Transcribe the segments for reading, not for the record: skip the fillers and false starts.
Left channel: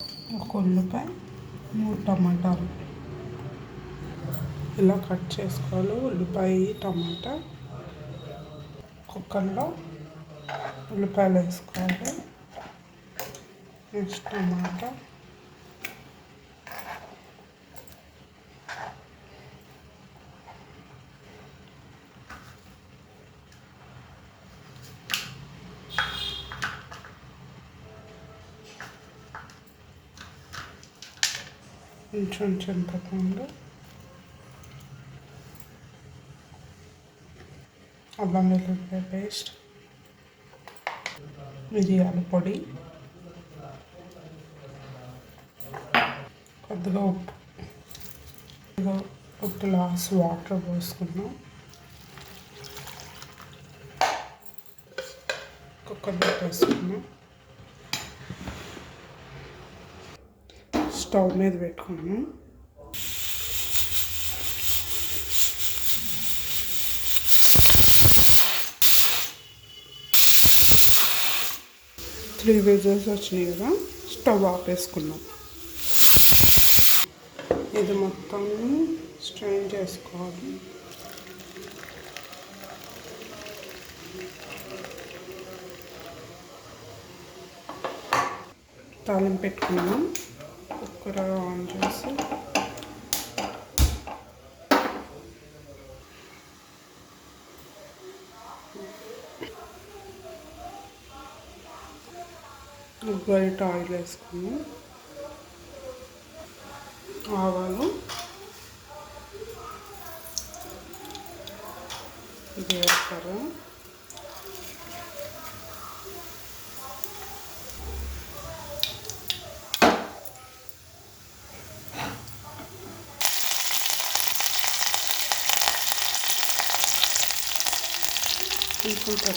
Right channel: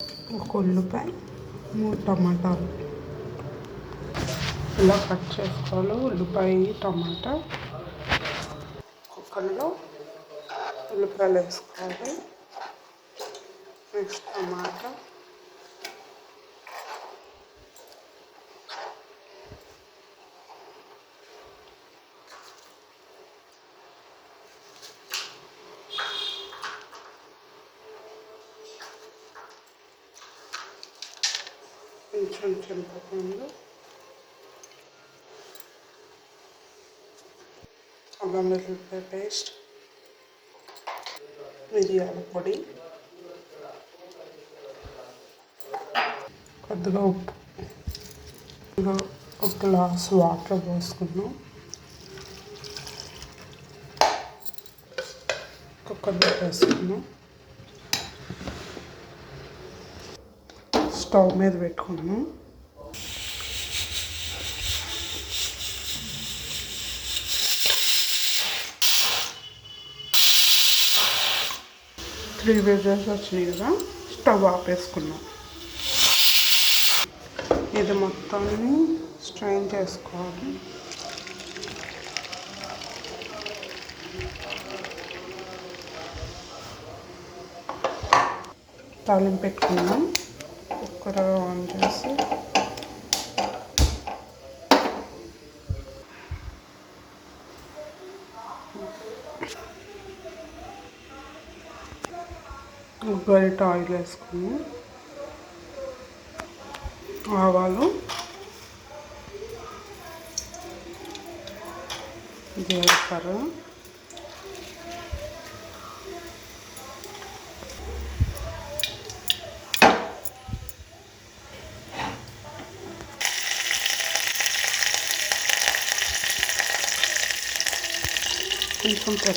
ఒక ఉల్లిపాయ, 3 టమాటాలు ఇలా కట్ చేసుకోవాలి. ఉల్లిపాయ, టమాటా కుక్కర్లో ఉల్లిపాయలు వేసుకోవాలి. నెక్స్ట్ టమాటా, కొంచెం చింతపండు, అల్లం వెల్లుల్లిపాయ పేస్ట్, మిరియాల పొడి, కొద్దిగా ఉప్పు, ఒక గ్లాస్ వాటర్ పోసుకున్నాం. కుక్కర్లో వేసుకున్నాం. స్టవ్ మీద పెట్టుకున్నాం. త్రీ విజిల్స్ వచ్చినాయి కదా, స్టవ్ ఆపేసుకున్నాం. ఇది మొత్తాన్ని స్ట్రెయిన్ చేసుకోవాలి. తాలింపు పెట్టుకున్నాం. కుక్కర్ ఆన్ చేసి గరిట ఆయిల్ వేసుకున్నాం. ఆవాలు, జీలకర్ర, కొంచెం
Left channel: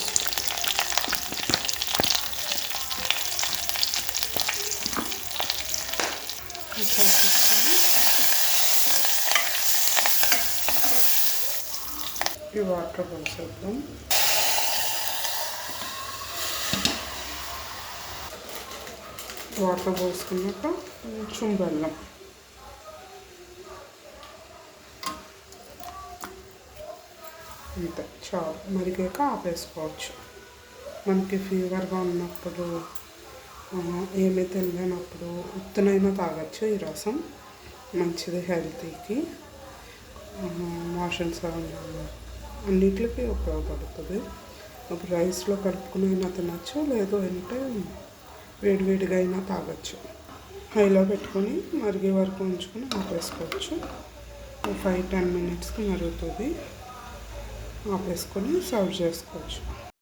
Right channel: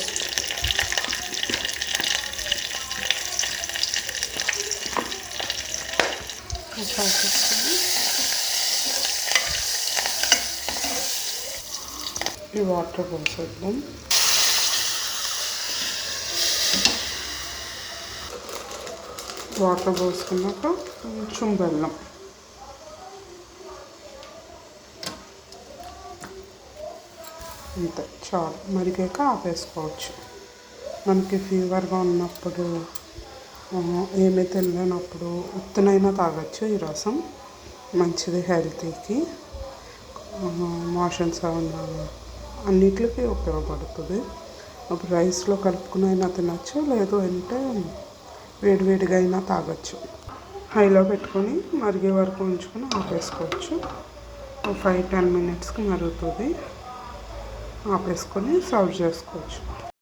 పసుపు, ఈ వాటర్ పోసేద్దాం. వాటర్ పోసుకున్నాక కొంచెం బెల్లం, అంతే చాలు. మరిగాక ఆపేసుకోవచ్చు. మనకి ఫీవర్గా ఉన్నప్పుడు, ఏమీ తినలేనప్పుడు ఉత్తనైనా తాగొచ్చు. ఈ రసం మంచిది హెల్తీకి. మోషన్స్ అన్నిటికీ ఉపయోగపడుతుంది. ఒక రైస్లో కలుపుకుని అయినా తినచ్చు, లేదు అంటే వేడివేడిగా అయినా తాగొచ్చు. హైలో పెట్టుకొని మరిగే వరకు ఉంచుకొని ఆపేసుకోవచ్చు. 5-10 మినిట్స్కి మరుగుతుంది. ఆపేసుకొని సర్వ్ చేసుకోవచ్చు.